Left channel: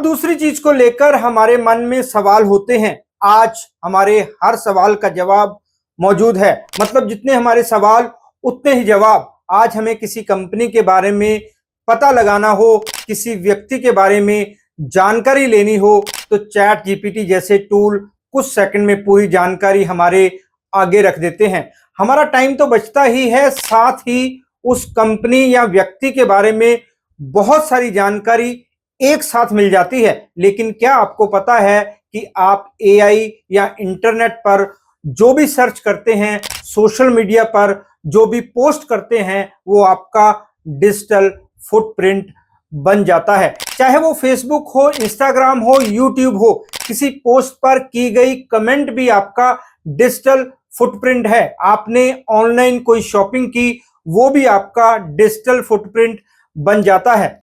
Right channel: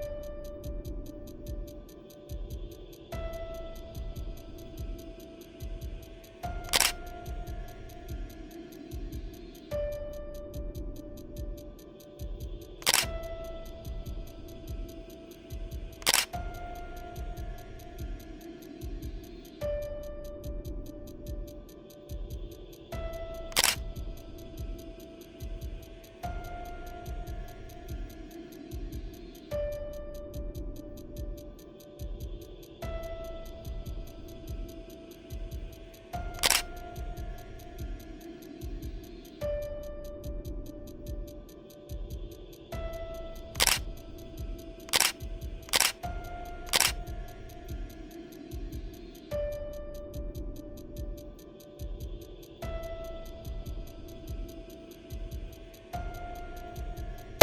अब दूसरी चीज को लेकर हमारे मन में सवाल होते हैं। आज हमारे हर सवाल का जवाब मौजूद है, मतलब जितने हमारे सवाल उतने ही जवाब। आज हमें किसी कंपनी के बारे में पता लगाना हो, किसी व्यक्ति के बारे में जानकारी लेनी हो, तो चैट जीपीटी जैसे टूल कुछ सेकंड में पूरी जानकारी हमारे आगे रख देते हैं। हमारा टाइम तो बचता ही है, साथ ही उस कंपनी या व्यक्ति के बारे में बहुत सारी जानकारी एक साथ मिल जाती है। लेकिन क्या आपको पता है कि आप एआई या इंटरनेट पर जो भी सर्च करते हैं, सोशल मीडिया पर जो भी पोस्ट करते हैं, वो आपका डिजिटल फुटप्रिंट बन जाता है। चाहे वो फेसबुक हो, इंस्टाग्राम हो, यूट्यूब हो, किसी पोस्ट पर की गई कमेंट भी आपका डिजिटल फुटप्रिंट है। आपने ऑनलाइन कोई शॉपिंग की, वो भी आपका डिजिटल फुटप्रिंट बन जाता है।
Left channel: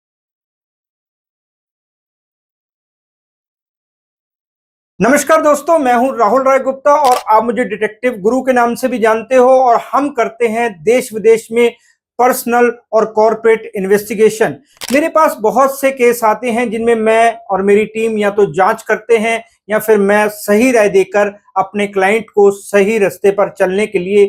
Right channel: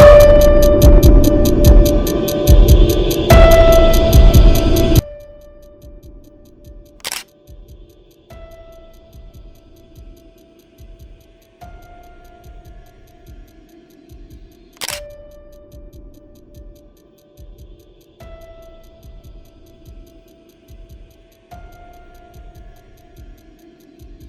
नमस्कार दोस्तों, मैं हूं राहुल राय गुप्ता और आप मुझे डिटेक्टिव गुरु के नाम से भी जानते हो। और हम करते हैं देश विदेश में पर्सनल और कॉर्पोरेट इन्वेस्टिगेशन। मेरे पास बहुत से केस आते हैं जिनमें मैं और मेरी टीम या तो जांच करते हैं या फिर मैं सही राय देकर अपने क्लाइंट को सही रास्ते पर चलने के लिए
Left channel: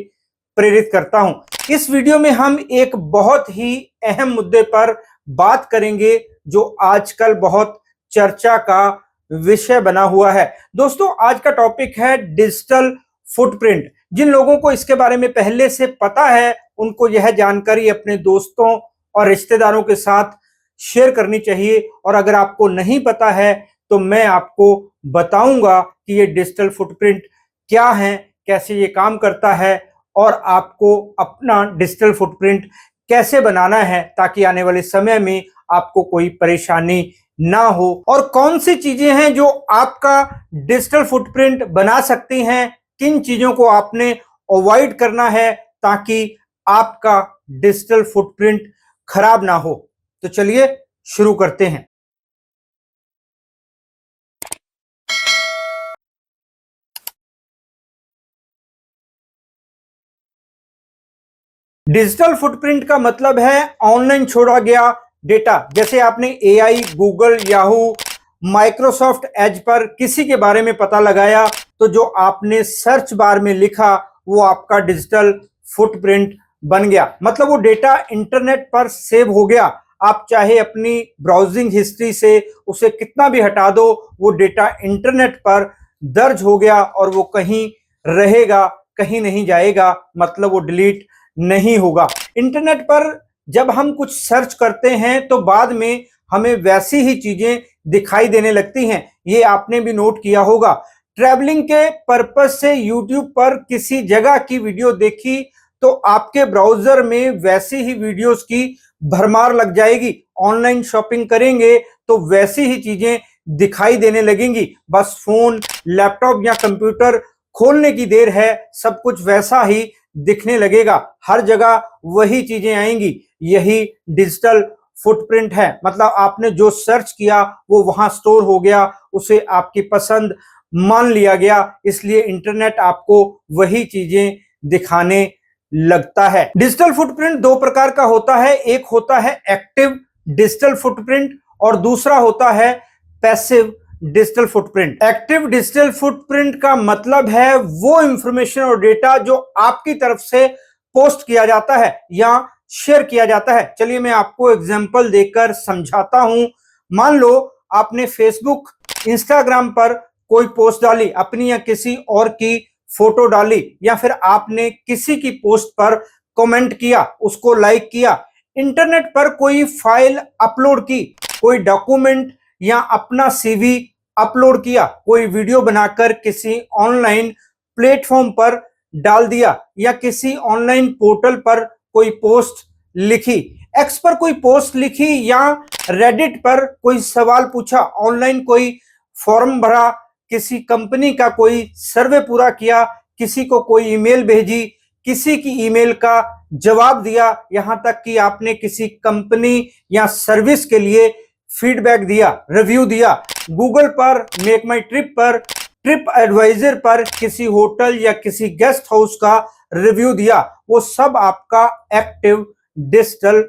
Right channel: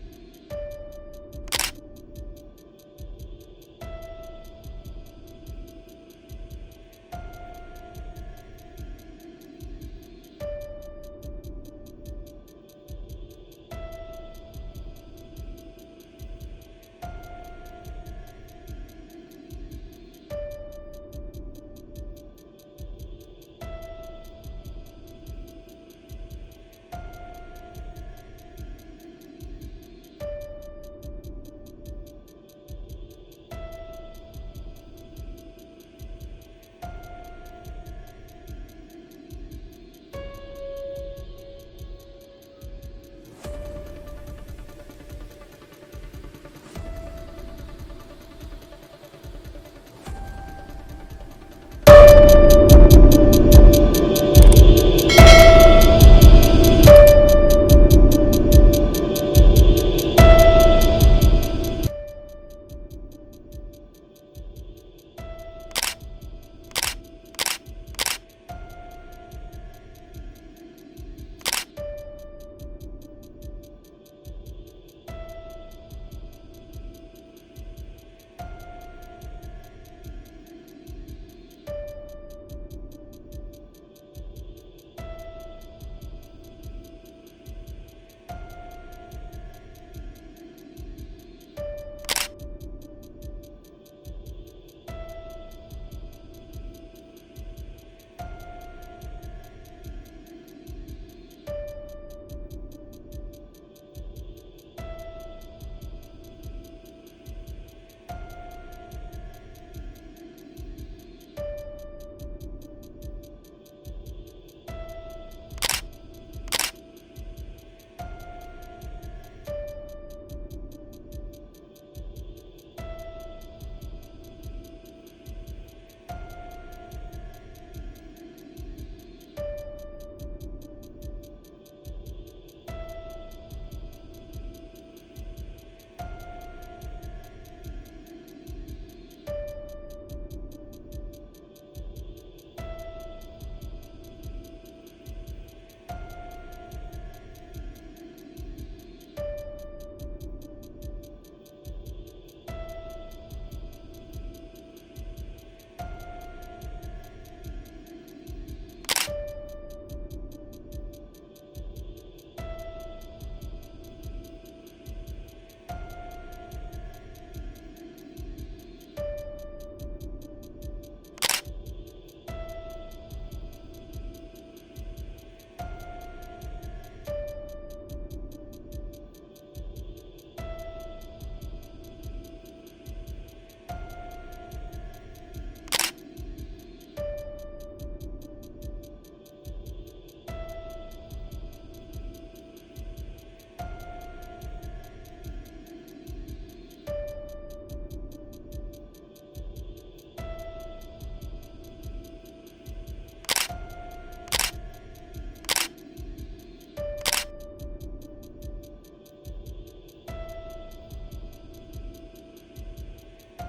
प्रेरित करता हूं। इस वीडियो में हम एक बहुत ही अहम मुद्दे पर बात करेंगे जो आजकल बहुत चर्चा का विषय बना हुआ है। दोस्तों, आज का टॉपिक है डिजिटल फुटप्रिंट। जिन लोगों को इसके बारे में पहले से पता है, उनको यह जानकारी अपने दोस्तों और रिश्तेदारों के साथ शेयर करनी चाहिए। और अगर आपको नहीं पता है तो मैं आपको बताऊंगा कि ये डिजिटल फुटप्रिंट क्या है, कैसे ये काम करता है और आपको अपना डिजिटल फुटप्रिंट कैसे बनाना है ताकि आने वाले समय में आपको कोई परेशानी ना हो। और कौन सी चीज़ें हैं जो आपका डिजिटल फुटप्रिंट बना सकती हैं, किन चीज़ों को आपने अवॉइड करना है ताकि आपका डिजिटल फुटप्रिंट खराब ना हो। तो चलिए शुरू करते हैं। डिजिटल फुटप्रिंट का मतलब है ऑनलाइन छोड़ा गया डेटा। जैसे आपने AI, Google, Yahoo, Microsoft Edge पर किसी के बारे में पता लगाया, तो जो आपने सर्च बार में लिखा वो आपका डिजिटल फुटप्रिंट बन गया। मतलब वो डेटा इंटरनेट पर सेव हो गया। आप चाहे अपनी ब्राउजिंग हिस्ट्री से उसे कितना भी हटा दो, वो डेटा इंटरनेट पर दर्ज हो गया और वो कहीं रहेगा, कहीं नहीं जाएगा। मतलब वो डिलीट नहीं होगा। इंटरनेट पर जब हम कुछ सर्च करते हैं तो बाद में हमें वैसी ही चीज़ें दिखाई देने लगती हैं। ये आपने भी नोट किया होगा। ट्रैवलिंग के पर्पस से यूट्यूब पर किसी जगह की वीडियो देखी तो आपके ब्राउज़र में वैसी ही वीडियोस की भरमार लग जाएगी। ऑनलाइन शॉपिंग करेंगे तो वैसी ही चीज़ें दिखाई देने लगेंगी। बस फ़ोन, लैपटॉप या कंप्यूटर खोलने की देर है, सब कुछ वैसा ही दिखने लगेगा। हर जगह वही चीज़ें आएंगी। यही डिजिटल फुटप्रिंट है। मतलब आपने जो सर्च किया वो वहाँ स्टोर हो गया, उसे आपकी पसंद मान लिया गया, इसलिए इंटरनेट आपको वही चीज़ें दिखाने लगता है। डिजिटल फुटप्रिंट दो प्रकार का होता है। एक होता है एक्टिव डिजिटल फुटप्रिंट और दूसरा होता है passive digital footprint. Active digital footprint का मतलब है वो इंफॉर्मेशन और डेटा जो आपकी तरफ से पोस्ट किया जाता है या शेयर किया जाता है। चलिए मैं आपको एग्जांपल देकर समझाता हूं। मान लो आपने फेसबुक, इंस्टाग्राम पर कोई पोस्ट डाली, अपनी या किसी और की फोटो डाली, या फिर आपने किसी की पोस्ट पर कमेंट किया, उसको लाइक किया, इंटरनेट पर कोई फाइल अपलोड की, कोई डॉक्यूमेंट या अपना सीवी अपलोड किया, कोई वीडियो बनाकर किसी ऑनलाइन प्लेटफॉर्म पर डाल दिया, या किसी ऑनलाइन पोर्टल पर कोई पोस्ट लिखी, एक्स पर कोई पोस्ट लिखी, या रेडिट पर कोई सवाल पूछा, ऑनलाइन कोई फॉर्म भरा, किसी कंपनी का कोई सर्वे पूरा किया, किसी को कोई ईमेल भेजी, किसी की ईमेल का जवाब दिया, यहाँ तक कि आपने किसी कंपनी या सर्विस के लिए फीडबैक दिया, रिव्यू दिया। गूगल पर, मेक माई ट्रिप पर, ट्रिप एडवाइजर पर किसी होटल या किसी गेस्ट हाउस का रिव्यू दिया। वो सब आपका एक्टिव डिजिटल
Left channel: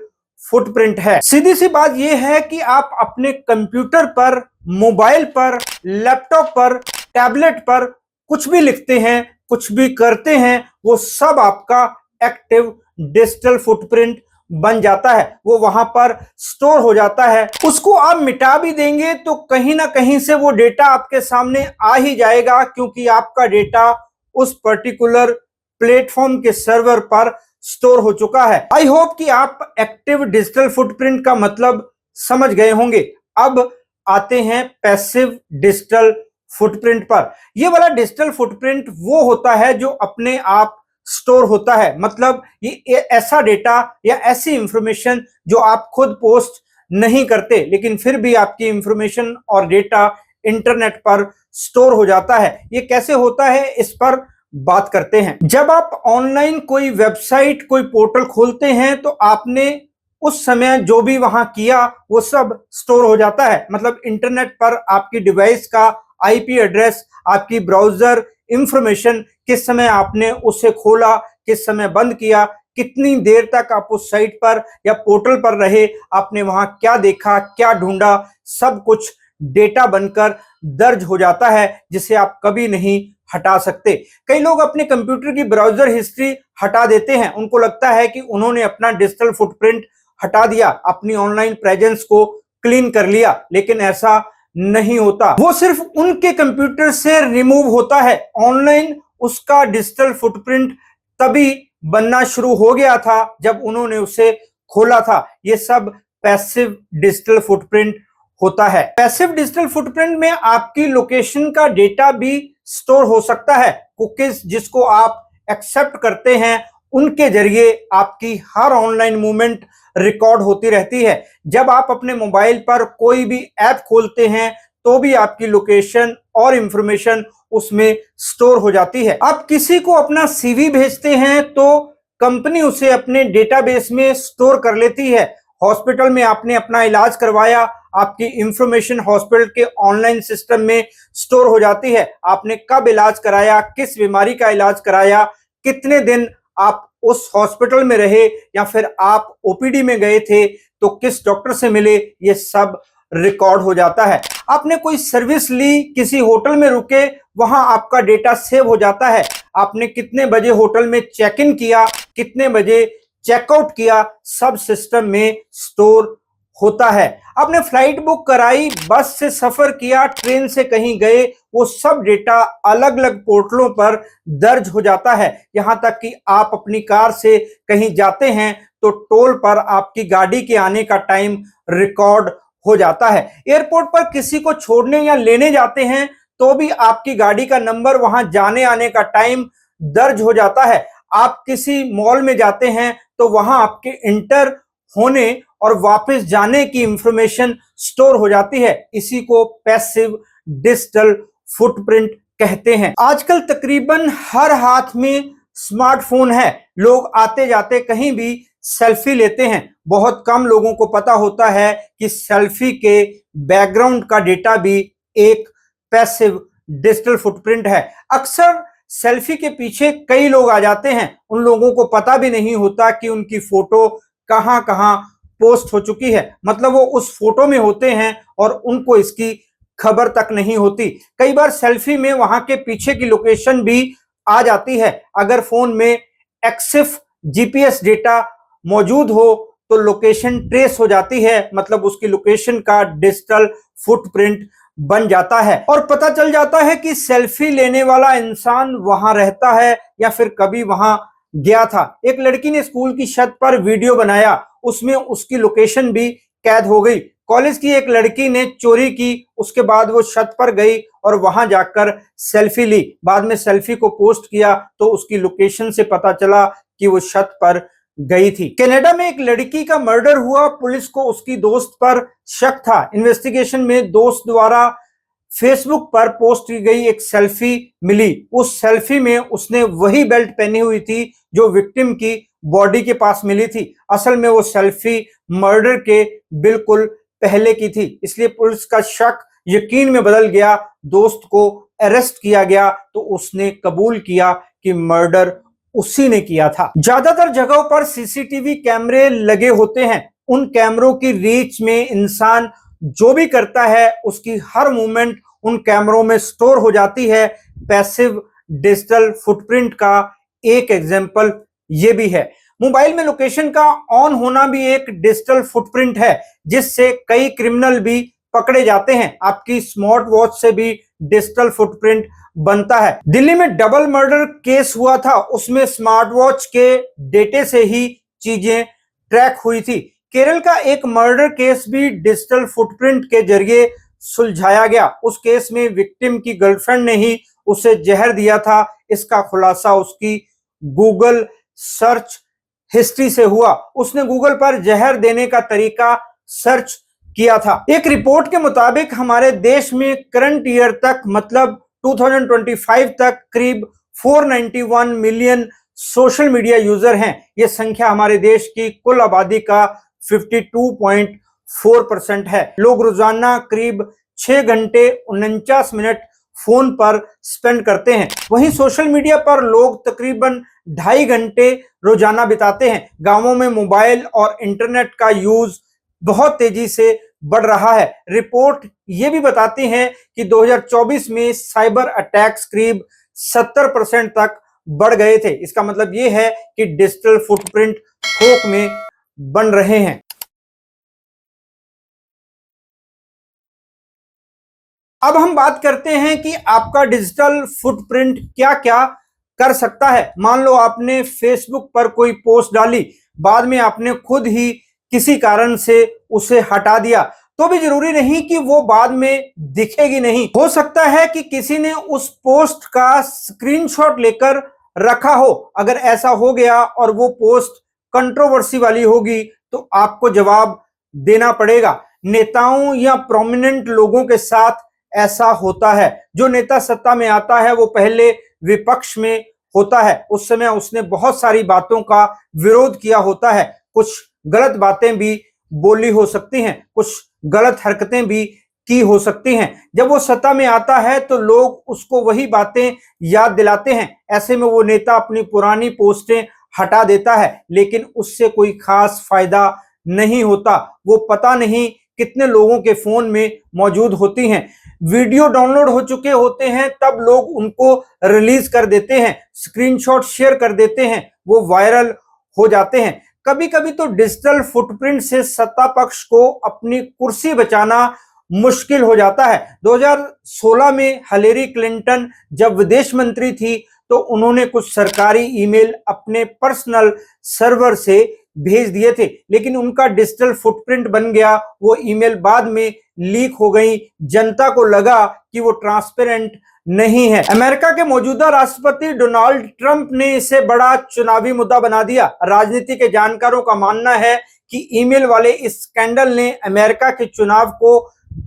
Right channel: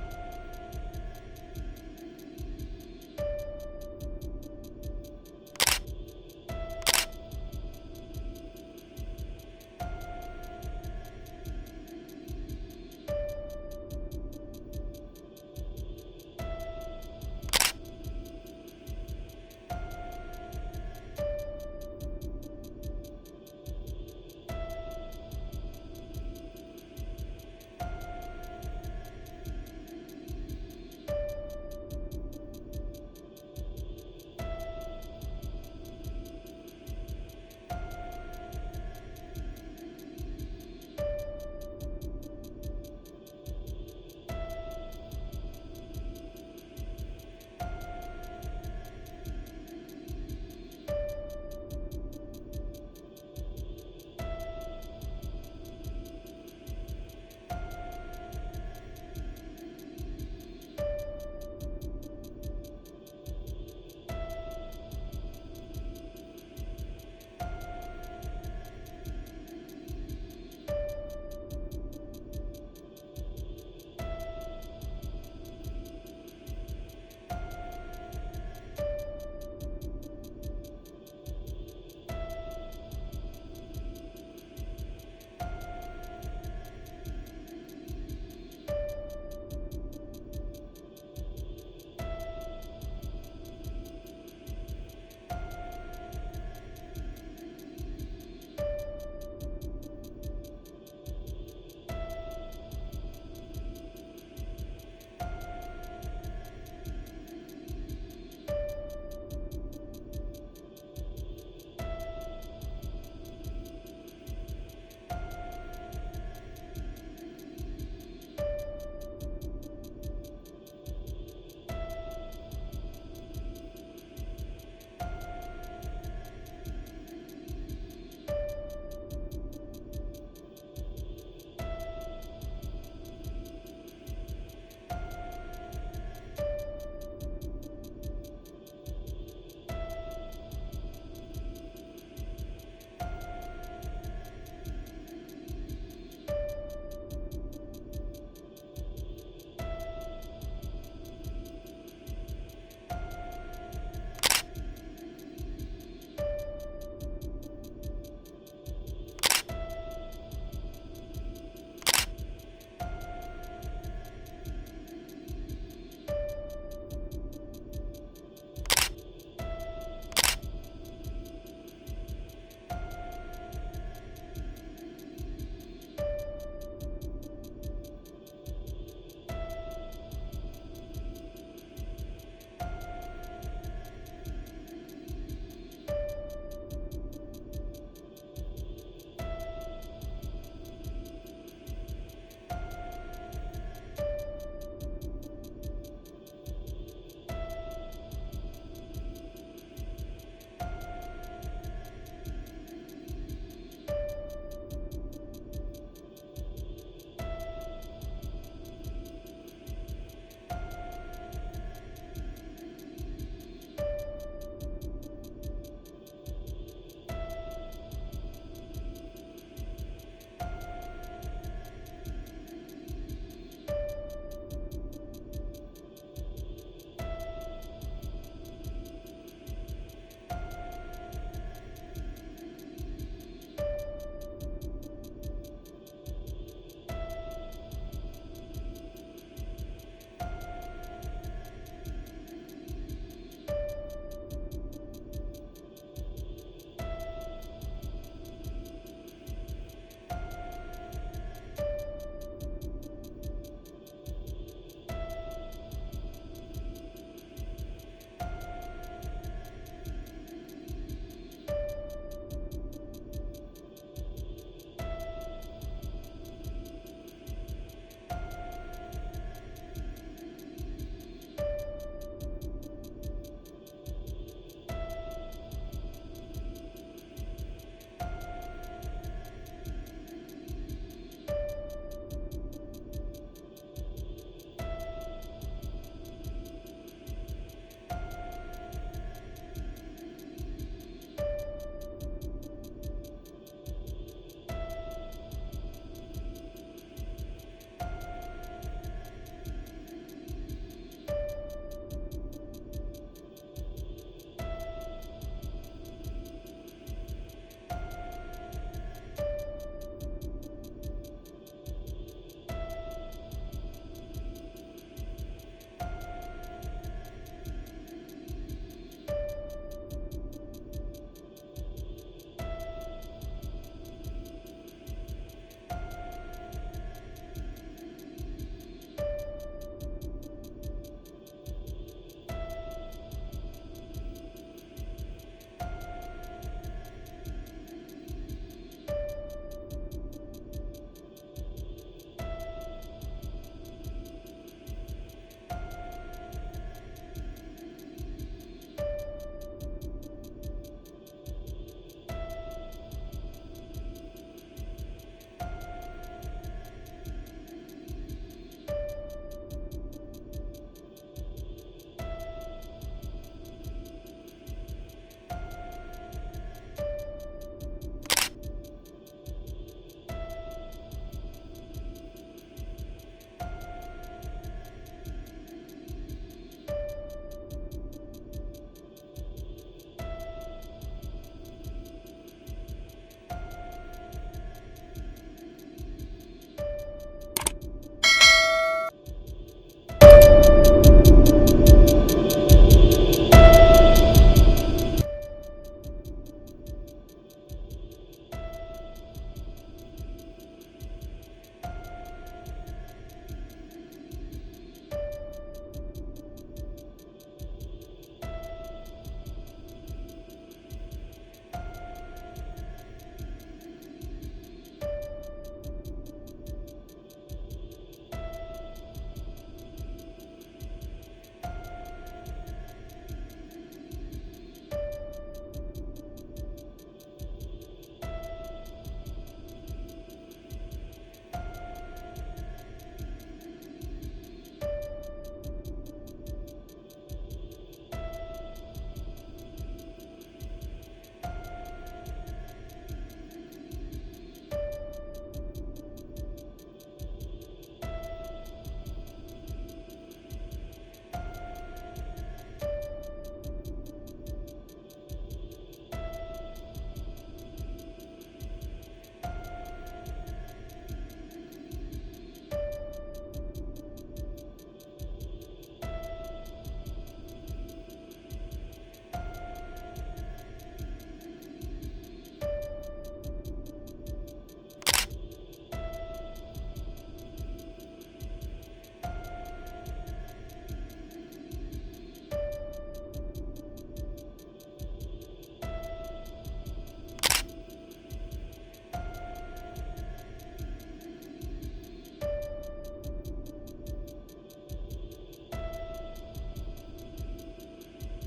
फुटप्रिंट है। सीधी सी बात यह है कि आप अपने कंप्यूटर पर, मोबाइल पर, लैपटॉप पर, टैबलेट पर कुछ भी लिखते हैं, कुछ भी करते हैं, वो सब आपका एक्टिव डिजिटल फुटप्रिंट बन जाता है। वो वहां पर स्टोर हो जाता है। उसको आप मिटा भी देंगे तो कहीं ना कहीं से वो डेटा आपके सामने आ ही जाएगा, क्योंकि आपका डेटा उस पर्टिकुलर प्लेटफॉर्म के सर्वर पर स्टोर हो चुका है। आई होप कि आप एक्टिव डिजिटल फुटप्रिंट का मतलब समझ गए होंगे। अब आते हैं पैसिव डिजिटल फुटप्रिंट पर। ये वाला डिजिटल फुटप्रिंट वो होता है जो अपने आप स्टोर होता है। मतलब ये ऐसा डेटा या ऐसी इंफॉर्मेशन जो आप खुद पोस्ट नहीं करते, लेकिन फिर भी आपकी इंफॉर्मेशन और डेटा इंटरनेट पर स्टोर हो जाता है। ये कैसे होता है, इस पर बात करते हैं। जब आप ऑनलाइन कोई वेबसाइट, कोई पोर्टल खोलते हैं तो आपने उस समय जो भी वहां किया वो सब स्टोर हो जाता है। मतलब इंटरनेट पर आपकी डिवाइस का आईपी एड्रेस, आपकी ब्राउजर इंफॉर्मेशन, किस समय आपने उसे खोला, किस समय बंद किया, कितनी देर तक आप उस साइट पर या पोर्टल पर रहे, आपने वहां क्या देखा, क्या ढूंढा, सब कुछ डेटा बनकर दर्ज हो जाता है, जिसे आप कभी नहीं हटा सकते। कई लोग अपने कंप्यूटर की ब्राउजर हिस्ट्री हटा देते हैं। उनको लगता है कि उन्होंने अपना डिजिटल फुटप्रिंट हटा दिया, अपनी ऑनलाइन प्रेजेंस को क्लीन कर लिया, लेकिन ऐसा नहीं होता। वो सिर्फ उनके कंप्यूटर से रिमूव होता है। ऑनलाइन उसका डिजिटल फुटप्रिंट तभी बनना शुरू हो गया था जब उन्होंने उसे खोला था। ये सब पैसिव डिजिटल फुटप्रिंट होता है। पैसिव डिजिटल फुटप्रिंट में आपकी लोकेशन का डेटा भी स्टोर हो सकता है। कुकीज जिसको आप एक्सेप्ट करते हैं, उनके जरिए आपकी हर ऑनलाइन मूवमेंट रिकॉर्ड होती रहती है। जब आप अपने मोबाइल पर कोई भी ऐप खोलते हैं तो भी आपकी लोकेशन और इंफॉर्मेशन उसमें स्टोर हो जाती है। आप किसी को अपना सीवी भेजते हैं तो कंपनी उसे अपने डेटाबेस में स्टोर कर लेती है। हॉस्पिटल में आपने अपना इलाज करवाया, आपकी इंफॉर्मेशन हॉस्पिटल के ऑनलाइन सिस्टम में स्टोर हो जाती है। आपने कब इलाज कराया, किस बीमारी का इलाज कराया, कितने दिन आप उस हॉस्पिटल में रहे, या फिर आप ओपीडी में गए थे तो किस डॉक्टर से मिले, ये सब रिकॉर्ड हो जाता है। आपने कोई सर्विस ली, किसी होटल में रुके, वहां आपका डेटा सेव हो जाता है। आपने कितने बजे होटल में चेक इन किया, कितने बजे चेकआउट किया, सब सिस्टम में स्टोर होता है। आपने फ्लाइट बुक कराई, बस से सफ़र किया, ट्रेन से कहीं गए, वो सब डेटा अलग अलग पोर्टलों पर दर्ज हो जाता है। यहाँ तक कि आप अपनी कार से कहीं जाते हैं तो टोल पर आपकी गाड़ी के आने का टाइम रिकॉर्ड हो जाता है। एयरपोर्ट पर किसी को छोड़ने या लेने जाते हैं तो भी आपकी गाड़ी का नंबर, वहां जाने आने का टाइम दर्ज हो जाता है। आप किसी मॉल में जाते हैं तो वहां आपके इंटर होने और वापस जाने की इंफॉर्मेशन स्टोर हो जाती है। इसी को पैसिव डिजिटल फुटप्रिंट कहते हैं। आजकल तकरीबन हर हाथ में स्मार्टफोन है। लोग आते जाते कहीं भी सेल्फी लेते हैं। बहुत कम लोगों को पता होता है कि सेल्फी के बैकग्राउंड का डेटा भी एक पैसिव डिजिटल फुटप्रिंट है। अक्सर सेल्फी के पीछे कई लोग आ जाते हैं। उन लोगों को पता भी नहीं होता कि उनकी फोटो कहां कहां पोस्ट हो चुकी है। मतलब वो उस फोटो में होते हैं और उनको इसकी खबर तक नहीं होती। कई बार सेल्फी में वहां के पीछे की लोकेशन भी आ जाती है। अगर फोन में एक्सिफ जीपीएस डेटा मौजूद हो तो लोकेशन ट्रेस हो जाती है। मतलब उसकी लोकेशन का डिजिटल फुटप्रिंट बन जाता है और पता चल जाता है कि सेल्फी लेने वाला इंसान वहां रहता है या फिर कभी वहां गया था। एक लड़की ने स्कूल की छत पर वीडियो बनाया, उसमें उसकी लोकेशन भी कैद हो गई। कॉलेज की एक लड़की ने चोरी की, उसके बाद वो छत पर गई और वहां जाकर सेल्फी ली। बाद में सेल्फी को पोस्ट किया तो उसकी लोकेशन से पता चला कि वो छत पर गई थी। कनाडा में एक लड़की का मर्डर हुआ। पुलिस को उसकी दोस्त पर शक था। इन्वेस्टिगेशन में दोस्त द्वारा फेसबुक पर पोस्ट की गई एक सेल्फी मिली। उस सेल्फी में उसने वही बेल्ट पहनी हुई थी जो विक्टिम की बॉडी के पास मिली थी। असल में वो सेल्फी मर्डर के बिल्कुल पहले की थी। इसलिए पुलिस का शक यकीन में बदल गया। दोस्त को अरेस्ट किया गया तो उसने कबूल किया कि मर्डर उसी ने किया था। ज्यादातर जगहों पर सीसीटीवी कैमरे लगे होते हैं। उन कैमरों की रीच में इंसान जो भी करता है उसकी हर मूवमेंट उन कैमरों में स्टोर हो जाती है। पैसिव डिजिटल फुटप्रिंट का एक एग्जाम्पल ये भी है। मोबाइल में लोकेशन का ऑन होना भी एक डिजिटल फुटप्रिंट है, जिससे कई क्रिमिनल भी पकड़े जाते हैं। आपकी स्मार्ट वॉच से भी डिजिटल फुटप्रिंट बनता है। दिल्ली में डबल मर्डर केस हुआ था, उसमें स्मार्ट वॉच के डेटे से ही चीजें ट्रैक हुई थी। केरल का एक मर्डर केस भी डिजिटल फुटप्रिंट के जरिए सुलझाया गया। उस केस में विक्टिम की गर्लफ्रेंड ने ही उसे जहर दिया था। इसका खुलासा उसकी गूगल सर्च हिस्ट्री से हुआ। उसने गूगल पर जहर देने का तरीका सर्च किया था। एक रिपोर्ट के मुताबिक हमारे देश में करंट ईयर तक मतलब 2025 तक करीब 491 मिलियन सोशल मीडिया यूजर हैं। ये संख्या हमारे देश की कुल आबादी का 52.4% है। लोग रोजाना करीब 6 घंटे 49 मिनट फोन पर स्पेंड करते हैं। वहीं सोशल मीडिया पर लोग तकरीबन 2.5 घंटे रोजाना बिताते हैं। गांवों में मोबाइल और इंटरनेट का यूज बहुत तेजी से बढ़ रहा है। रिपोर्ट ये भी बताती है कि 2024 में साइबर अटैक्स करीब 70% तक बढ़ गए थे। इसका मतलब ये है कि डिजिटल फुटप्रिंट थोक में बन रहे हैं। अब हम बात करते हैं कि आपका डिजिटल फुटप्रिंट क्या क्या कर सकता है। मान लो आपने फेसबुक पर कोई पोस्ट डाली, बाद में आपने खुद ही किसी कारण से उसे हटा दिया, तो भी जरूरी नहीं कि वो बाद में दिखेगी नहीं। हो सकता है कि किसी ने उस पोस्ट का स्क्रीनशॉट लेकर रखा हो। अगर ऐसा हो गया और वो पोस्ट कंट्रोवर्सी वाली होगी तो आपको जवाब देना पड़ेगा। नेताओं या प्रोमिनेंट लोगों के साथ ऐसा होता है। जो नेता सत्ता में आता है वो पहले विपक्ष में होता है। उस समय उसने बहुत सारी बातों का विरोध किया होता है। कुछ गलत बातें भी बोली हो सकती हैं, कुछ गलत हरकतें भी की हो सकती हैं। जब वो सत्ता में आता है तो लोग उसको वही बातें याद दिलाते हैं। ऐसे में वो नेता अपनी पुरानी पोस्टें हटा देता है, लेकिन उससे कोई खास फायदा नहीं होता। वो पता नहीं कितने लोगों के फोन में मौजूद होती हैं। वीडियो डाउनलोड हो चुके होते हैं तब लोग उनको रिलीज कर देते हैं, स्क्रीनशॉट शेयर कर देते हैं, वो वायरल हो जाते हैं। कभी कभी तो डिजिटल फुटप्रिंट से सत्ता पक्ष को अपनी कुर्सी बचाना मुश्किल हो जाता है। 2016 में हिलेरी क्लिंटन जब विदेश मंत्री थी तो उन्होंने कुछ सरकारी ईमेल अपने पर्सनल सर्वर से भेज दिए थे, लेकिन उनका डिजिटल फुटप्रिंट बन गया। वो ईमेल बाद में लीक हो गई। जनता को लगा कि वो ट्रांसपेरेंट नहीं है। अमेरिका के मौजूदा राष्ट्रपति डोनाल्ड ट्रंप ने इसे बड़ा चुनावी मुद्दा बना दिया। राजनीति के जानकारों का मानना है कि ईमेल वाले इस स्कैंडल ने अमेरिका के चुनाव को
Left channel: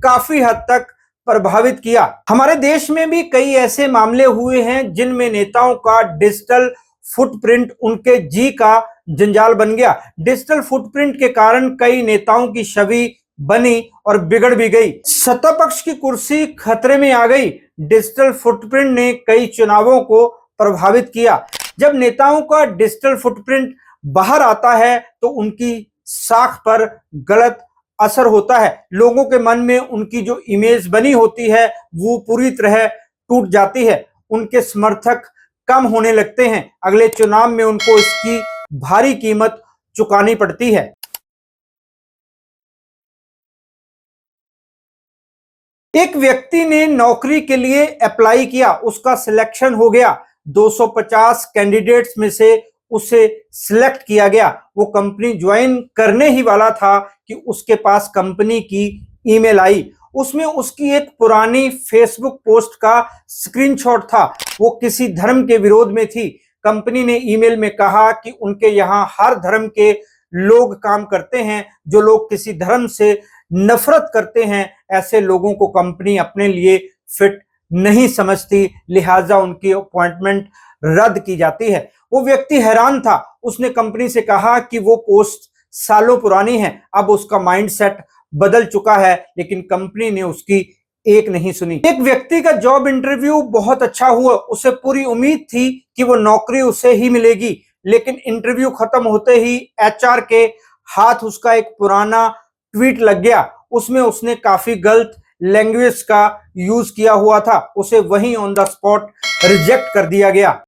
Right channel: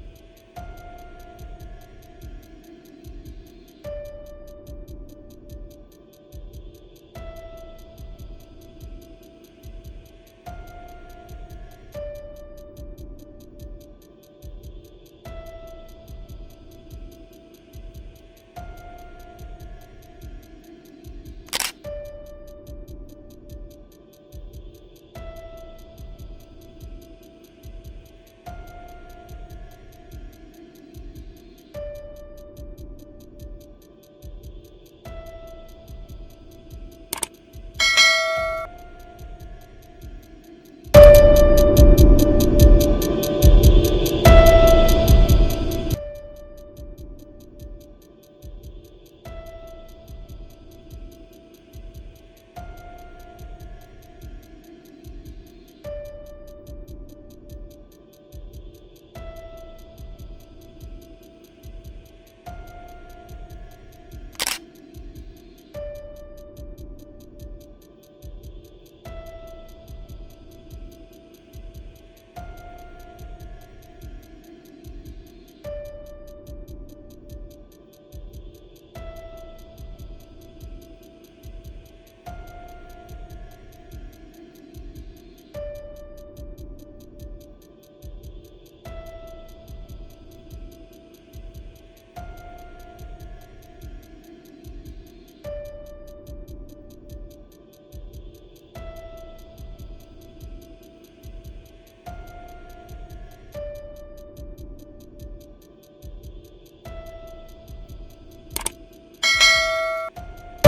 काफी हद तक प्रभावित किया। हमारे देश में भी कई ऐसे मामले हुए हैं जिनमें नेताओं का डिजिटल फुटप्रिंट उनके जी का जंजाल बन गया। डिजिटल फुटप्रिंट के कारण कई नेताओं की छवि बनी और बिगड़ भी गई। सत्ता पक्ष की कुर्सी खतरे में आ गई। डिजिटल फुटप्रिंट ने कई चुनावों को प्रभावित किया। जब नेताओं का डिजिटल फुटप्रिंट बाहर आता है तो उनकी साख पर गलत असर होता है। लोगों के मन में उनकी जो इमेज बनी होती है वो पूरी तरह टूट जाती है। उनके समर्थक कम होने लगते हैं। अगले चुनाव में उनको इसकी भारी कीमत चुकानी पड़ती है। एक व्यक्ति ने नौकरी के लिए अप्लाई किया, उसका सिलेक्शन हो गया। 250 कैंडिडेट्स में से उसे सिलेक्ट किया गया। वो कंपनी ज्वाइन करने ही वाला था कि उसके पास कंपनी की ईमेल आई। उसमें उसकी एक पुरानी फेसबुक पोस्ट का स्क्रीनशॉट था। वो किसी धर्म के विरोध में थी। कंपनी ने ईमेल में कहा कि उनके यहाँ हर धर्म के लोग काम करते हैं। जो लोग किसी धर्म से नफरत करते हैं, ऐसे लोगों को कंपनी अपने लिए फिट नहीं समझती, लिहाजा उनकी अपॉइंटमेंट रद्द की जाती है। वो व्यक्ति हैरान था। उसने कंपनी से कहा कि वो पोस्ट सालों पुरानी है, अब उसका माइंडसेट बदल चुका है, लेकिन कंपनी ने उसकी एक नहीं सुनी। एक व्यक्ति का जॉब इंटरव्यू बहुत अच्छा हुआ, उसे पूरी उम्मीद थी कि वो नौकरी उसे ही मिलेगी, लेकिन इंटरव्यू खत्म होते ही एचआर के हाथ उसका एक पुराना ट्वीट लग गया। उसमें उसने काफी गलत लैंग्वेज का यूज किया हुआ था। उसे वहीं ऑन द स्पॉट रिजेक्ट कर दिया गया।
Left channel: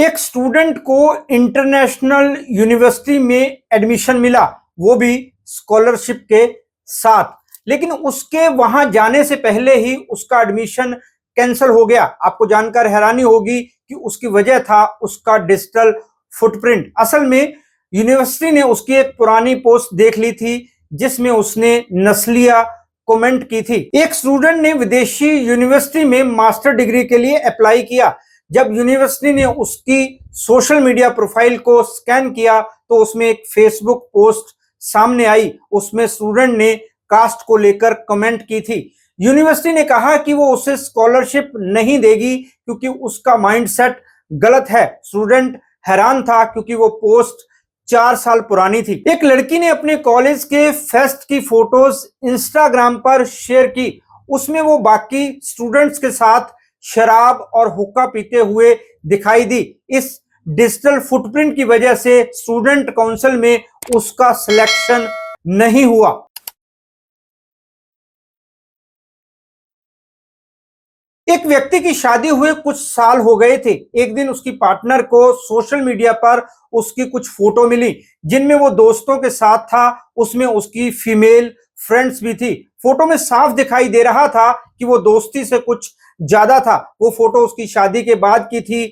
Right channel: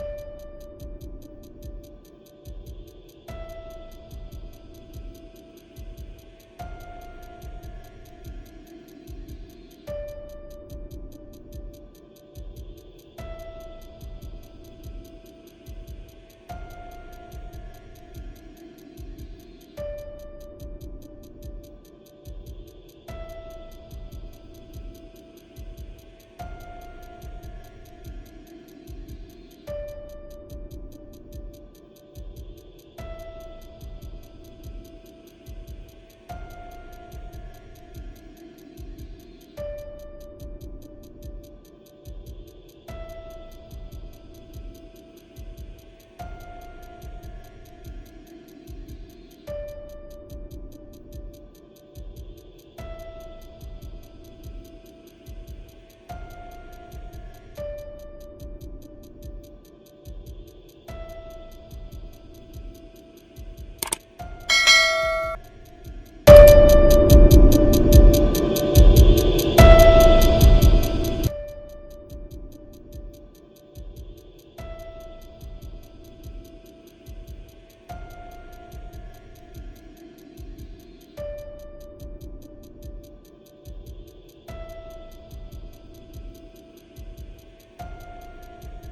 एक स्टूडेंट को इंटरनेशनल यूनिवर्सिटी में एडमिशन मिला, वो भी स्कॉलरशिप के साथ, लेकिन उसके वहां जाने से पहले ही उसका एडमिशन कैंसिल हो गया। आपको जानकर हैरानी होगी कि उसकी वजह था उसका डिजिटल फुटप्रिंट। असल में यूनिवर्सिटी ने उसकी एक पुरानी पोस्ट देख ली थी जिसमें उसने नस्लिया कमेंट की थी। एक स्टूडेंट ने विदेशी यूनिवर्सिटी में मास्टर डिग्री के लिए अप्लाई किया। जब यूनिवर्सिटी ने उसकी सोशल मीडिया प्रोफाइल को स्कैन किया तो उसमें एक फेसबुक पोस्ट सामने आई। उसमें स्टूडेंट ने कास्ट को लेकर कमेंट की थी। यूनिवर्सिटी ने कहा कि वो उसे स्कॉलरशिप नहीं देगी क्योंकि उसका माइंडसेट गलत है। स्टूडेंट हैरान था क्योंकि वो पोस्ट 4 साल पुरानी थी। एक लड़की ने अपने कॉलेज के फेस्ट की फोटोज इंस्टाग्राम पर शेयर की। उसमें वो बाकी स्टूडेंट्स के साथ शराब और हुक्का पीते हुए दिखाई दी। इस डिजिटल फुटप्रिंट की वजह से स्टूडेंट काउंसिल में उसका सिलेक्शन नहीं हुआ। एक व्यक्ति की शादी हुए कुछ साल हो गए थे। एक दिन उसकी पार्टनर को सोशल मीडिया पर उसकी कुछ फोटो मिली जिनमें वो दोस्तों के साथ था। उसमें उसकी फीमेल फ्रेंड्स भी थी। फोटो में साफ दिखाई दे रहा था कि वो दोस्ती से कुछ ज्यादा था। वो फोटो उसकी शादी के बाद की थी।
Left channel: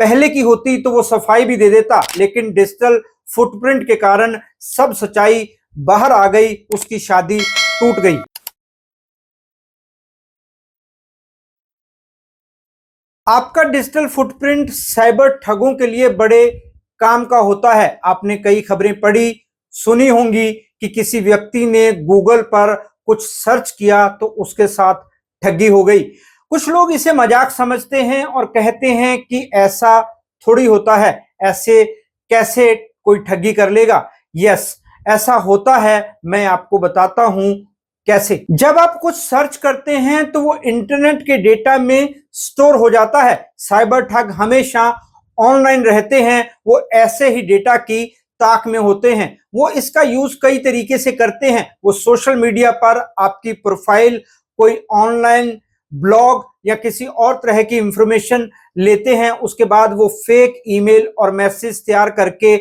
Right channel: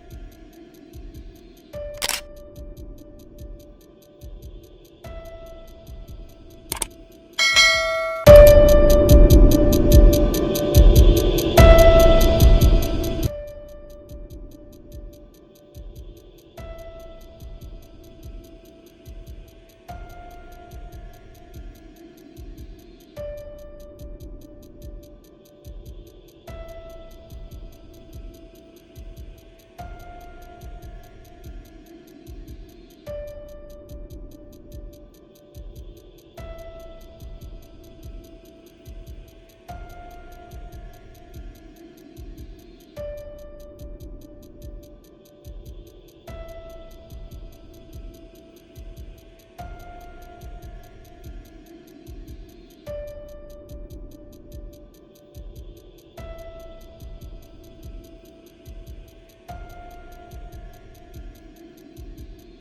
पहले की होती तो वो सफाई भी दे देता, लेकिन डिजिटल फुटप्रिंट के कारण सब सच्चाई बाहर आ गई। उसकी शादी टूट गई। आपका डिजिटल फुटप्रिंट साइबर ठगों के लिए बड़े काम का होता है। आपने कई खबरें पढ़ी सुनी होंगी कि किसी व्यक्ति ने गूगल पर कुछ सर्च किया तो उसके साथ ठगी हो गई। कुछ लोग इसे मजाक समझते हैं और कहते हैं कि ऐसा थोड़ी होता है, ऐसे कैसे कोई ठगी कर लेगा। यस, ऐसा होता है। मैं आपको बताता हूं कैसे। जब आप कुछ सर्च करते हैं तो वो इंटरनेट के डेटा में स्टोर हो जाता है। साइबर ठग हमेशा ऑनलाइन रहते हैं। वो ऐसे ही डेटा की ताक में होते हैं। वो इसका यूज कई तरीके से करते हैं। वो सोशल मीडिया पर आपकी प्रोफाइल, कोई ऑनलाइन ब्लॉग या किसी और तरह की इंफॉर्मेशन लेते हैं। उसके बाद वो फेक ईमेल और मैसेज तैयार करके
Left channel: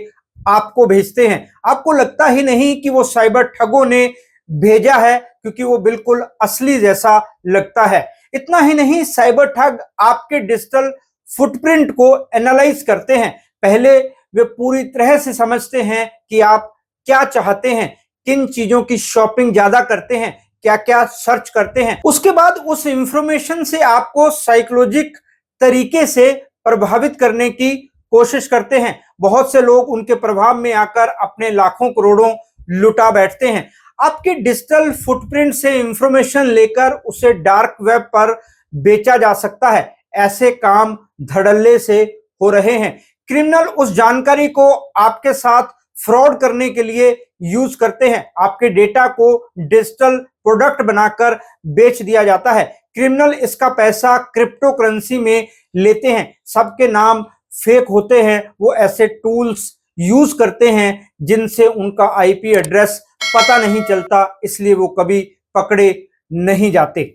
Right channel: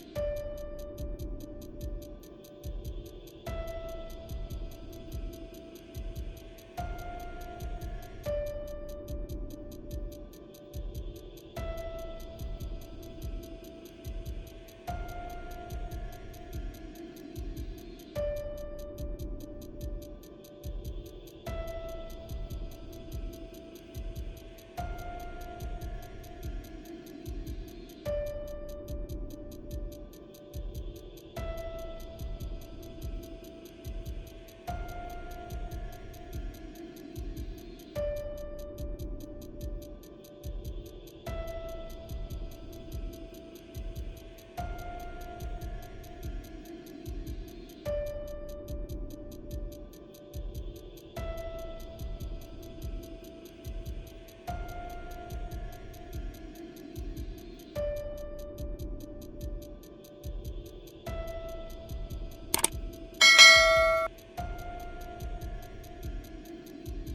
आपको भेजते हैं। आपको लगता ही नहीं कि वो साइबर ठगों ने भेजा है, क्योंकि वो बिल्कुल असली जैसा लगता है। इतना ही नहीं, साइबर ठग आपके डिजिटल फुटप्रिंट को एनालाइज करते हैं। पहले वे पूरी तरह से समझते हैं कि आप क्या चाहते हैं, किन चीजों की शॉपिंग ज्यादा करते हैं, क्या क्या सर्च करते हैं। उसके बाद उस इंफॉर्मेशन से आपको साइकोलॉजिक तरीके से प्रभावित करने की कोशिश करते हैं। बहुत से लोग उनके प्रभाव में आकर अपने लाखों करोड़ों लुटा बैठते हैं। आपके डिजिटल फुटप्रिंट से इंफॉर्मेशन लेकर उसे डार्क वेब पर बेचा जा सकता है। ऐसे काम धड़ल्ले से हो रहे हैं। क्रिमिनल उस जानकारी को आपके साथ फ्रॉड करने के लिए यूज करते हैं। आपके डेटा को डिजिटल प्रोडक्ट बनाकर बेच दिया जाता है। क्रिमिनल इसका पैसा क्रिप्टो करेंसी में लेते हैं। सबके नाम फेक होते हैं। वो ऐसे टूल्स यूज करते हैं जिनसे उनका आईपी एड्रेस पता नहीं चलता, इसलिए वो कभी पकड़े नहीं जाते।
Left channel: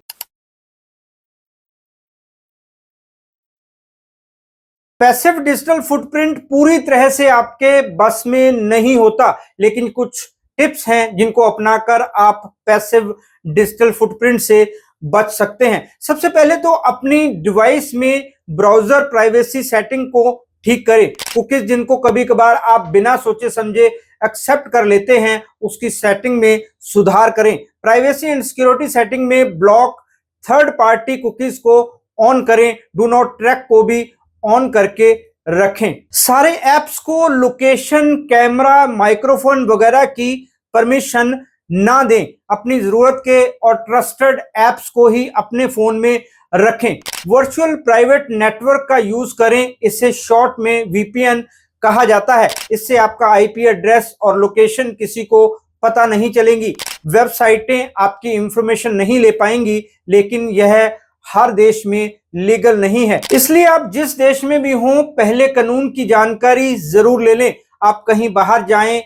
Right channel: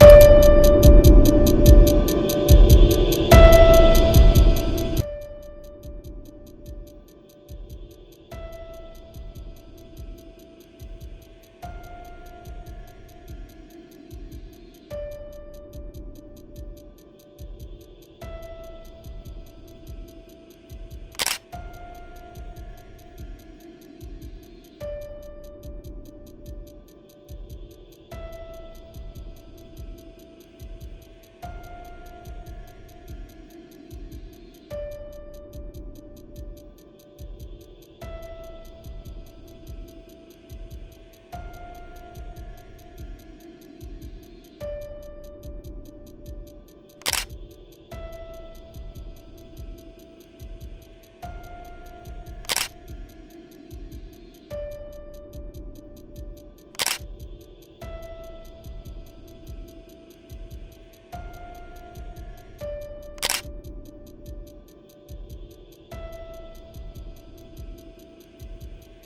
पैसिव डिजिटल फुटप्रिंट पूरी तरह से आपके बस में नहीं होता, लेकिन कुछ टिप्स हैं जिनको अपनाकर आप पैसिव डिजिटल फुटप्रिंट से बच सकते हैं। सबसे पहले तो अपनी डिवाइस में ब्राउजर प्राइवेसी सेटिंग को ठीक करें। कुकीज जिनको कभी कभार आप बिना सोचे समझे एक्सेप्ट कर लेते हैं, उसकी सेटिंग में सुधार करें। प्राइवेसी एंड सिक्योरिटी सेटिंग में ब्लॉक थर्ड पार्टी कुकीज को ऑन करें। डू नॉट ट्रैक को भी ऑन करके रखें। सारे ऐप्स को लोकेशन, कैमरा, माइक्रोफोन वगैरह की परमिशन ना दें। अपनी ज़रूरत के और ट्रस्टेड ऐप्स को ही अपने फ़ोन में रखें। वर्चुअल प्राइवेट नेटवर्क का यूज़ करें। इसे शॉर्ट में VPN कहा जाता है। इससे आपका IP एड्रेस और लोकेशन किसी को पता नहीं चलेंगी, वेबसाइटें आपकी इंफॉर्मेशन नहीं ले पाएंगी, लेकिन यह हर देश में लीगल नहीं है। इसलिए आप जिस देश में भी हों, पहले कानून की जानकारी जरूर ले लें। आप कहीं बाहर जाएं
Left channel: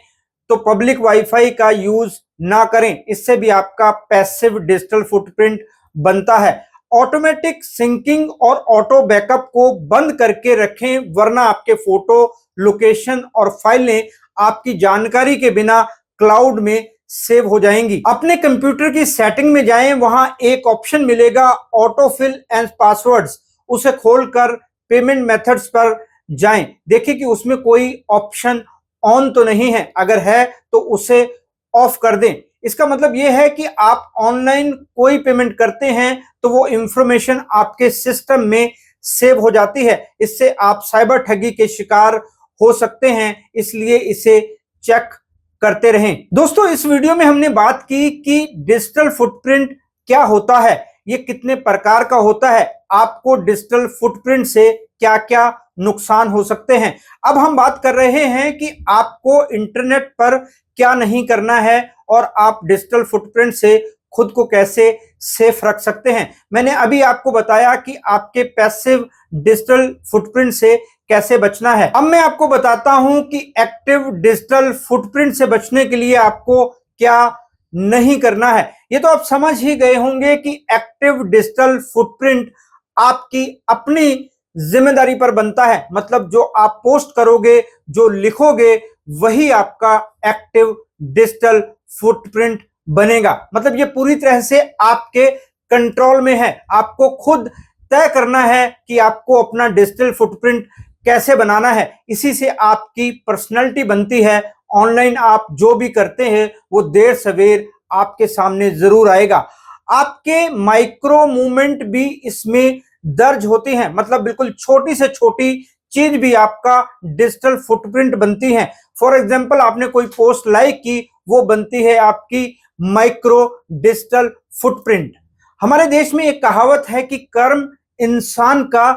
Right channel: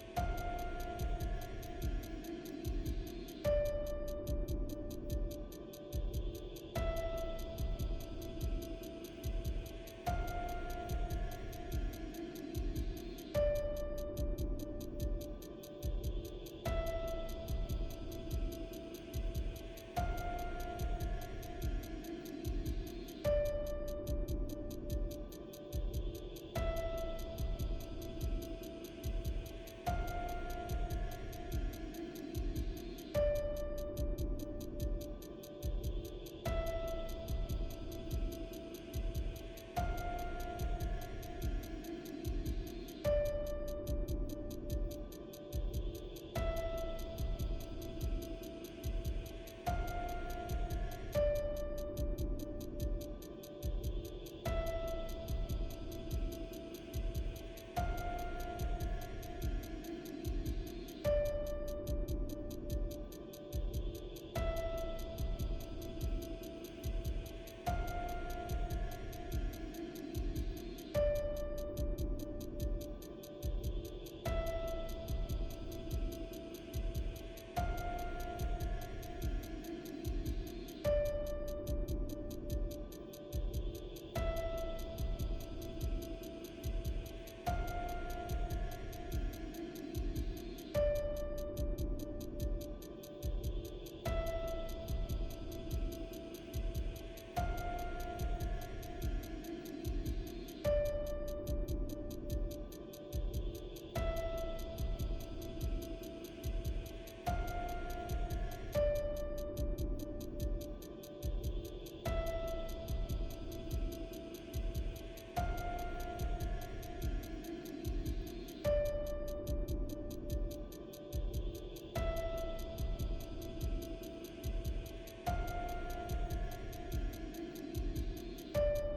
तो पब्लिक वाईफाई का यूज ना करें, इससे भी आपका पैसिव डिजिटल फुटप्रिंट बनता है। ऑटोमेटिक सिंकिंग और ऑटो बैकअप को बंद करके रखें, वरना आपके फोटो, लोकेशन और फाइलें आपकी जानकारी के बिना क्लाउड में सेव हो जाएंगी। अपने कंप्यूटर की सेटिंग में जाएं, वहां एक ऑप्शन मिलेगा ऑटो फिल एंड पासवर्ड्स, उसे खोलकर पेमेंट मेथड्स पर जाएं। देखिए कि उसमें कोई ऑप्शन ऑन तो नहीं है, अगर है तो उसे ऑफ कर दें। इसका मतलब यह है कि आप ऑनलाइन कोई पेमेंट करते हैं तो वो इंफॉर्मेशन आपके सिस्टम में सेव हो जाती है। इससे आप साइबर ठगी के शिकार हो सकते हैं, इसलिए इसे चेक करते रहें। दोस्तों, इस वीडियो में हमने बात की कि डिजिटल फुटप्रिंट क्या होता है, ये कितने प्रकार का होता है, आपको डिजिटल फुटप्रिंट से क्या क्या नुकसान हो सकते हैं। अब हम बात कर रहे हैं कि आपको इंटरनेट पर क्या नहीं करना है और आप डिजिटल फुटप्रिंट से खुद को कैसे सेफ रख सकते हैं। मैंने अभी आपको बताया कि आपके पैसिव डिजिटल फुटप्रिंट से कैसे बचना है। अब मैं आपको बताता हूं कि एक्टिव डिजिटल फुटप्रिंट से बचने के लिए आपको क्या नहीं करना है। ये तो आप समझ ही गए होंगे कि एक्टिव डिजिटल फुटप्रिंट आपकी अपनी जिम्मेदारी पर बनता है। मतलब जो आप पोस्ट करोगे, जो लिखोगे, वही आपका एक्टिव डिजिटल फुटप्रिंट बनेगा। मतलब ये पूरी तरह से आपके कंट्रोल में है। आपको खुद तय करना है कि आपको अपना डिजिटल फुटप्रिंट कैसे बनाना है। इसी से आपकी पर्सनैलिटी बनती है। ऑनलाइन आप जो भी करते हैं वो देर सवेर आपके सामने जरूर आएगा। आपके माइक्रो मूवमेंट भी इसमें दर्ज होती हैं। मतलब बिल्कुल छोटी से छोटी चीज भी आपका डिजिटल फुटप्रिंट बनती है। फॉर एग्जाम्पल, आपने कोई पोस्ट लाइक की, वो बनती है आपकी माइक्रो डिजिटल फुटप्रिंट। हमारे देश में एक कहावत है कि कर्म इंसान का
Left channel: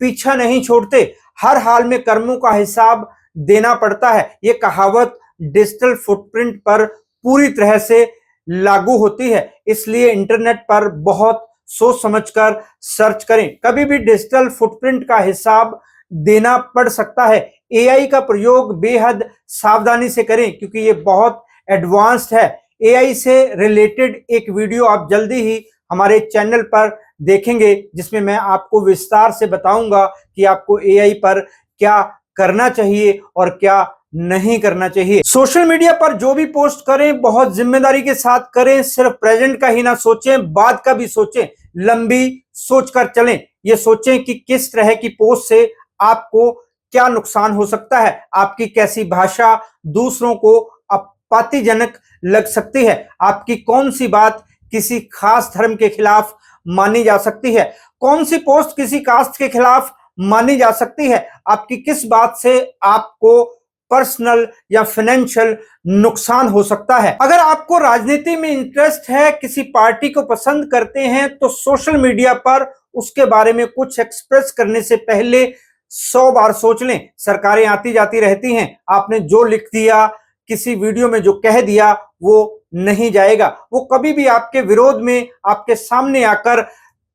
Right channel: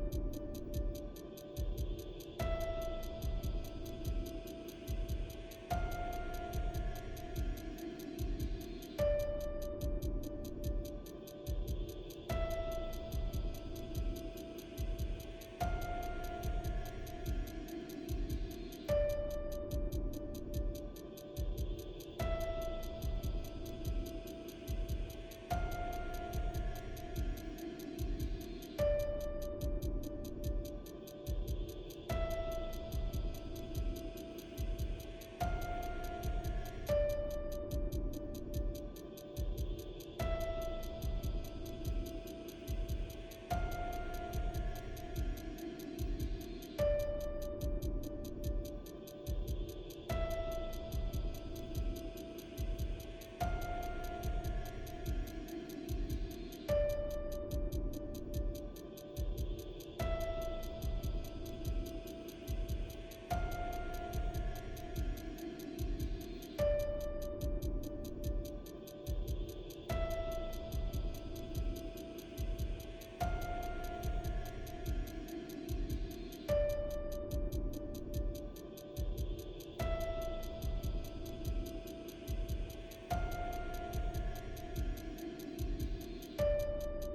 पीछा नहीं छोड़ते, हर हाल में कर्मों का हिसाब देना पड़ता है। ये कहावत डिजिटल फुटप्रिंट पर पूरी तरह से लागू होती है। इसलिए इंटरनेट पर बहुत सोच समझकर सर्च करें। कभी भी डिजिटल फुटप्रिंट का हिसाब देना पड़ सकता है। एआई का प्रयोग बेहद सावधानी से करें, क्योंकि ये बहुत एडवांस्ड है। एआई से रिलेटेड एक वीडियो आप जल्दी ही हमारे चैनल पर देखेंगे, जिसमें मैं आपको विस्तार से बताऊंगा कि आपको एआई पर क्या करना चाहिए और क्या नहीं करना चाहिए। सोशल मीडिया पर जो भी पोस्ट करें, बहुत जिम्मेदारी के साथ करें। सिर्फ प्रेजेंट का ही ना सोचें, बाद का भी सोचें। लंबी सोचकर चलें। ये सोचें कि किस तरह की पोस्ट से आपको क्या नुकसान हो सकता है। आपकी कैसी भाषा दूसरों को आपत्तिजनक लग सकती है। आपकी कौन सी बात किसी खास धर्म के खिलाफ मानी जा सकती है। कौन सी पोस्ट किसी कास्ट के खिलाफ मानी जा सकती है। आपकी किस बात से आपको पर्सनल या फाइनेंशियल नुकसान हो सकता है। अगर आपको राजनीति में इंटरेस्ट है, किसी पार्टी को पसंद करते हैं, तो सोशल मीडिया पर उसके बारे में कुछ एक्सप्रेस करने से पहले 100 बार सोच लें। सरकारें आती जाती रहती हैं। आपने जो लिख दिया, किसी वीडियो में जो कह दिया, वो नहीं जाएगा। वो कभी भी आपके विरोध में आपके सामने आकर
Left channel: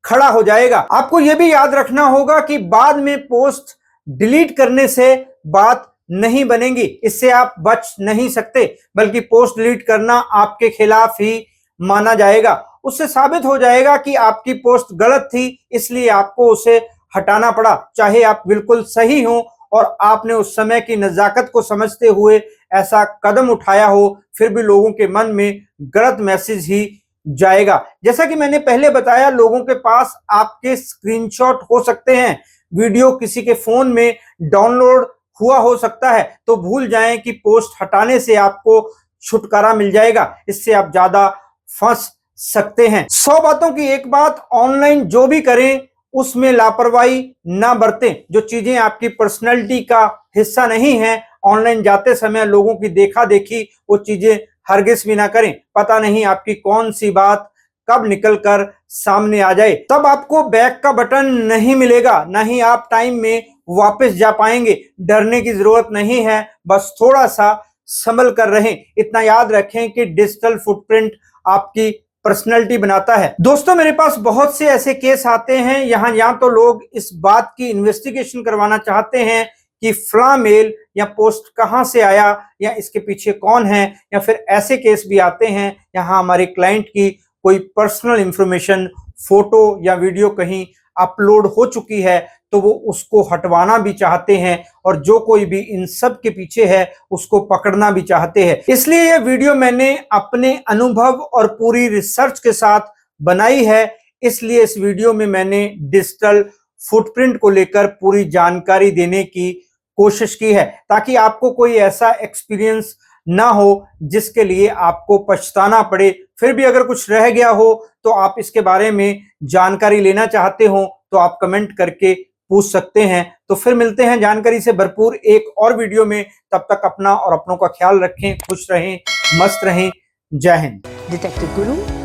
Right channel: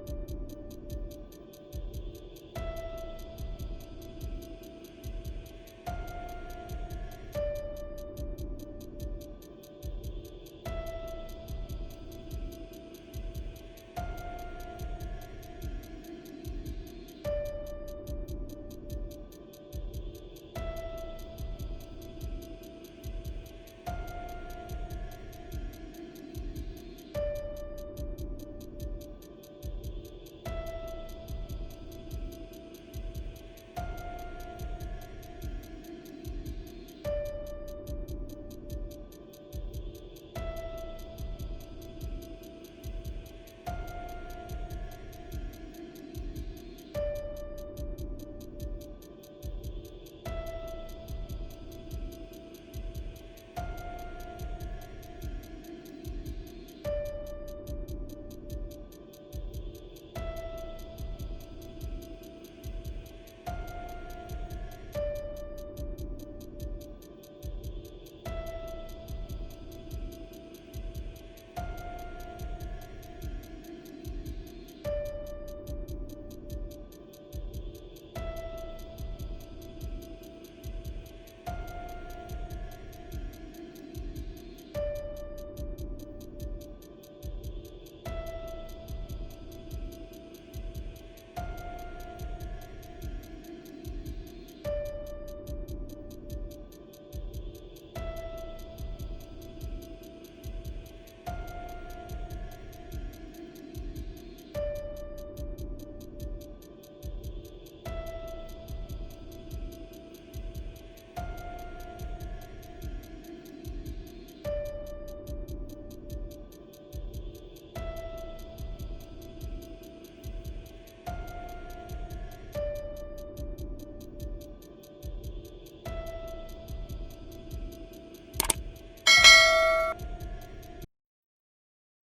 खड़ा हो जाएगा। आपको यह भी याद रखना होगा कि बाद में पोस्ट डिलीट करने से बात नहीं बनेगी। इससे आप बच नहीं सकते, बल्कि पोस्ट डिलीट करना आपके खिलाफ ही माना जाएगा। उससे साबित हो जाएगा कि आपकी पोस्ट गलत थी, इसलिए आपको उसे हटाना पड़ा। चाहे आप बिल्कुल सही हो और आपने उस समय की नज़ाकत को समझते हुए ऐसा कदम उठाया हो, फिर भी लोगों के मन में गलत मैसेज ही जाएगा। जैसा कि मैंने पहले बताया, लोगों के पास आपके स्क्रीनशॉट हो सकते हैं, वीडियो किसी के फ़ोन में डाउनलोड हुआ हो सकता है। तो भूल जाएं कि पोस्ट हटाने से आपको छुटकारा मिल जाएगा। इससे आप ज़्यादा फंस सकते हैं। 100 बातों की एक बात, ऑनलाइन जो भी करें उसमें लापरवाही ना बरतें। जो चीज़ें आपकी पर्सनैलिटी का हिस्सा नहीं हैं, ऑनलाइन जाते समय लोगों की देखा देखी वो चीज़ें हरगिज़ भी ना करें। पता नहीं आपकी कौन सी बात कब निकल कर सामने आ जाए। तब आपको बैक का बटन नहीं मिलेगा, ना ही आप टाइम में वापस जा पाएंगे। डरने की ज़रूरत नहीं है, बस थोड़ा सा संभल कर रहें। इतना याद रखें कि डिजिटल फुटप्रिंट आपकी पर्सनैलिटी बनाता है। दोस्तों, मेरे पास बहुत से ऐसे केस आते हैं यहाँ तो लोग इस बात की इन्वेस्टिगेशन करवाना चाहते हैं कि फला मेल या पोस्ट कहाँ से आया या इसके पीछे कौन है, या फिर ऐसे केस भी आते हैं यहाँ हमारे क्लाइंट की कोई पर्सनल इंफॉर्मेशन, फोटो या वीडियो कहीं अपलोड हो चुकी है तो वो उसको हटवाना भी चाहते हैं, और जो कोई भी इन सब के पीछे है उसको पकड़ना भी चाहते हैं। इसलिए यह वीडियो मैंने अपने अनुभव और पूरी रिसर्च के साथ बनाई है। इसलिए इस वीडियो में मैंने डिजिटल फुटप्रिंट को लेकर पूरी जानकारी देने की कोशिश की है, ताकि आपको कोई ऐसा एक्सपीरियंस ना हो जिसके लिए आपको पछताना पड़े। फिर भी अगर कुछ रह गया हो तो आप इसके बारे में जानकारी लेना चाहते हो तो आप कमेंट करके पूछ सकते हैं। तो फिर मिलते हैं जानकारी से भरपूर एक और वीडियो में। तब तक अपना और अपनों का ख्याल रखें, खुश रहें, मस्त रहें। जय हिंद। डिटेक्टिव गुरु